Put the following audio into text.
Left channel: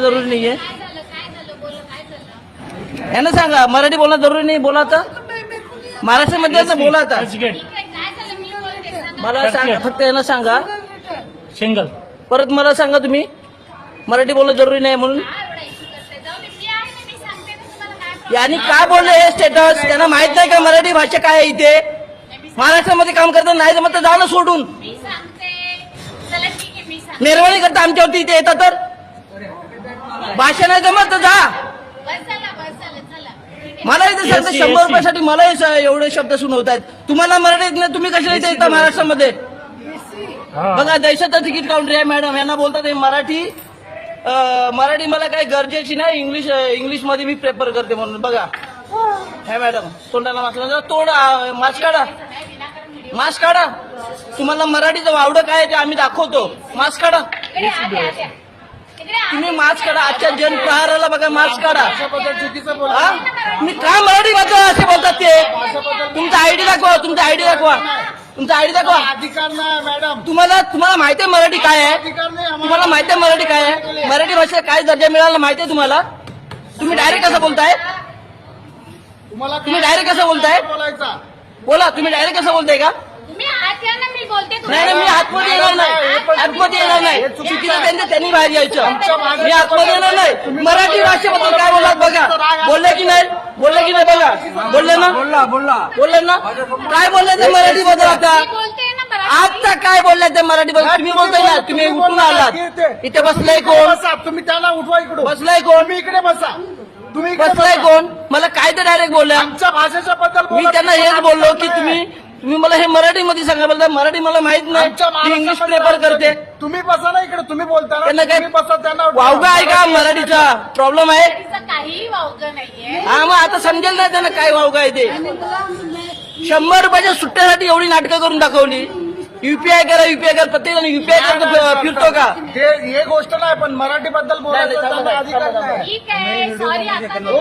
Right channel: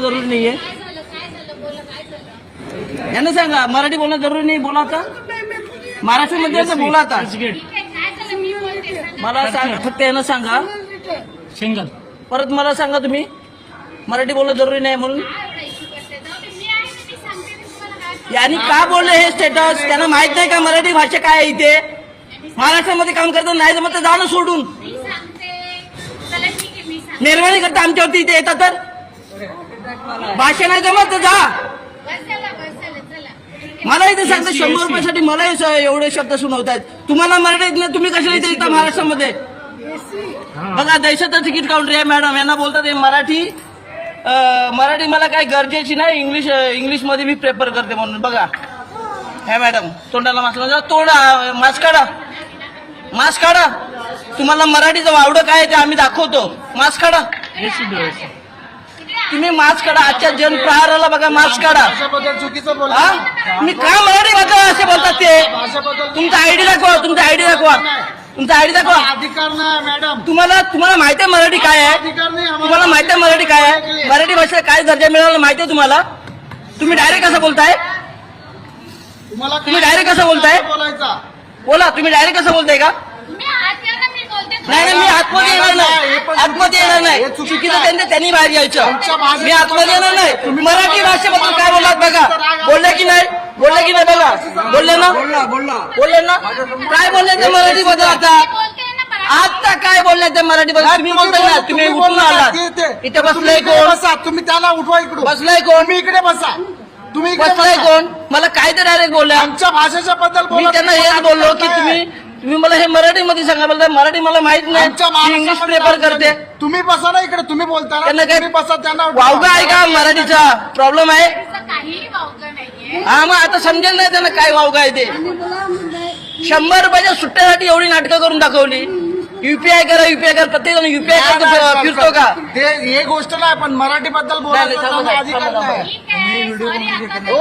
जरुरी नाहीये. काय झालं काय झालं बोला काय झालं यांना सांगा मराठी बोलणं जरुरी नाही बोला तर. महाराष्ट्रामध्ये बोला आता. ठीक आहे काय झालं मी बोलते सांगा. मला सांगा फक्त यांना सांगा. सिंगल परत मला सांगा तुम्ही मराठी बोलणं जरुरी नाही म्हणून. आहे यांनी काय बोललं हे स्टेटस त्यांना माहीत नाही का मराठी भाषा काय आहे इथे? महाराष्ट्रामध्ये काम करतात नाही जमत तर जाणं सोडून. आहे निर्वाणी करता आमच्यावरती इथे येतात तर? भाषा नाही जमत तर जा. आहे मला इथे सांगतं शंभर रुपयासाठी मलाही स- एवढे शब्द सुनवतात. तुम्हाला मराठी येत नाही तुम्ही कशाला इथे येता महाराष्ट्रामध्ये बघा देशाचं तिकीट काउंटर आहे मॅडम यांना बोलतात हे मराठी मराठी मला काय गरजेची नाही इंग्लिश इंग्लिशमध्ये मी प्रेफर करते म्हणून. बघा. ह्या मॅडम तोंडाला मास्क लावा. तोडा मास्क काढा. मास्क काढा. तुम्हाला मराठीचं वावडं काय आहे ते आम्ही दाखवतो. मास्क काढा. तुम्ही मास्क काढा आजच्या जन प्रहाराला बघा मास्क काढा. भाषेबद्दल चुकीचं बोला हा? मी का मराठी भाषा असे बोलतात ते? भाषेबद्दल तुमचा आयडी दाखवा तुमचा आयडी दाखवा. तुमचा आयडी दाखवा. अधिकार नाही मॅडम. तुम्हाला तुम्हाला माहिती आहे मराठी काय आहे? अधिकार नाही आम्हाला. तुम्हाला माहिती आहे मराठी काय आहे? मराठी भाषेला काय दर्जा मिळाला माहिती आहे तुम्हाला? तुम्ही डायरेक्ट कसं बोलताय? तुम्हाला तुम्ही direct कसं बोलताय? बोलायचा. बोला तुम्ही डायरेक्ट कसं बोलताय का? तुम्ही आत या ना मी बोलते नाही नाही, मी आतमध्ये येणार आतमध्ये येणार नाही. चुकीचं त्यांचं त्यांनी बाहेर यायचं. मी आतमध्ये येणार नाही. मराठी भाषेबद्दल काय बोललात बघा. बोलले की नाही? बोलले की नाही बघा. बोलले ना? बोलला बोलला. बोलले ना? काय बोलले ते मराठी मध्ये आता मी. आता काय बोलले ते मराठी मध्ये? तुम्ही बोलताय ना? तुम्ही उठून आलात. इथे बसलाय इकडे कोण? बसा तुम्ही त्याला उठवा इकडून. बसलाय कोण? तुम्ही इकडे बसा. तुम्ही इकडे बसलाय कोण? मला काय ते डायरेक्ट बोलल्या? आमच्या भाषेच्या बद्दल मी त्यांना हेच बोललो की तुम्ही. तुम्ही मला हे मराठी मध्ये सांगा बोलताय मराठी मला माहीत नाही. आमच्या मी इंग्लिश महाराष्ट्रामध्ये पेपर करते. तुम्ही बसा ना इकडे तुम्ही बोलता ना त्यांना काय तुम्ही बसा त्यांना. वावगा आहे का मराठीचा? प्रॉब्लेम आहे? असं काहीही वावगं नाहीये. हा मग आता समजेल नाही त्यांना काय वावगा आहे ते. शंभर रुपयाच्या सुट्ट्यासाठी एवढी नाटकं करून दाखवली. युपीआय करा युपीआय करा प्रत्येक जण युपीआय नाही, नाही, करतो फिरतो का? ते हे गोष्ट नाही पण मराठी बद्दल नाही, नाही, बोलायचा थांबा, त्यांना अधिकार थांबा, थांबा. नाही. ठीक आहे सॉरी आता